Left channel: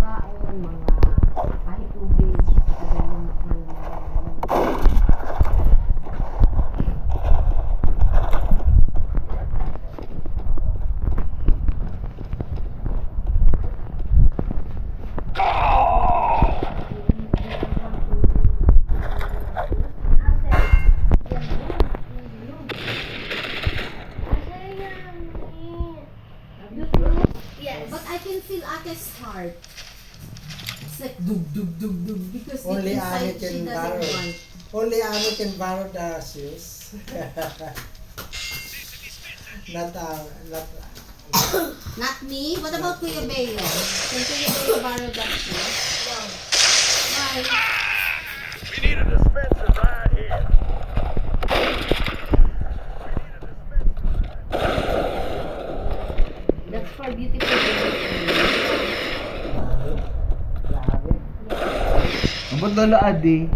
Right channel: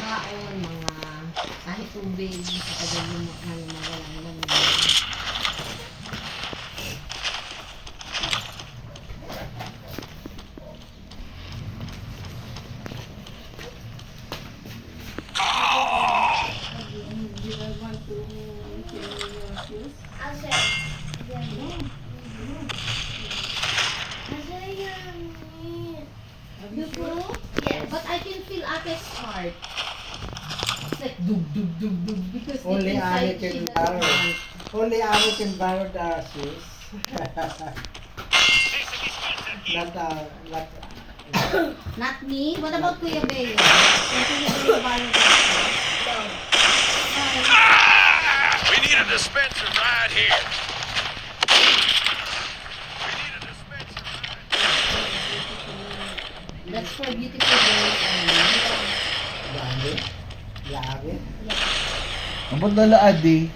Baon, mga kahit tubig, kagaya yung mga You feel? Yes. But I can feel Ate's heart. It's like dug dug dug dug because Only deep inside Annie she can doesn't borrow. want. Only Annie can borrow the shoes. Not Not me? What about Kuya Beo? Can Kuya Beo borrow that? Why? We need a dispenser right here. That's for beautiful girls only. Grabe. Grabe. Abot na la adi.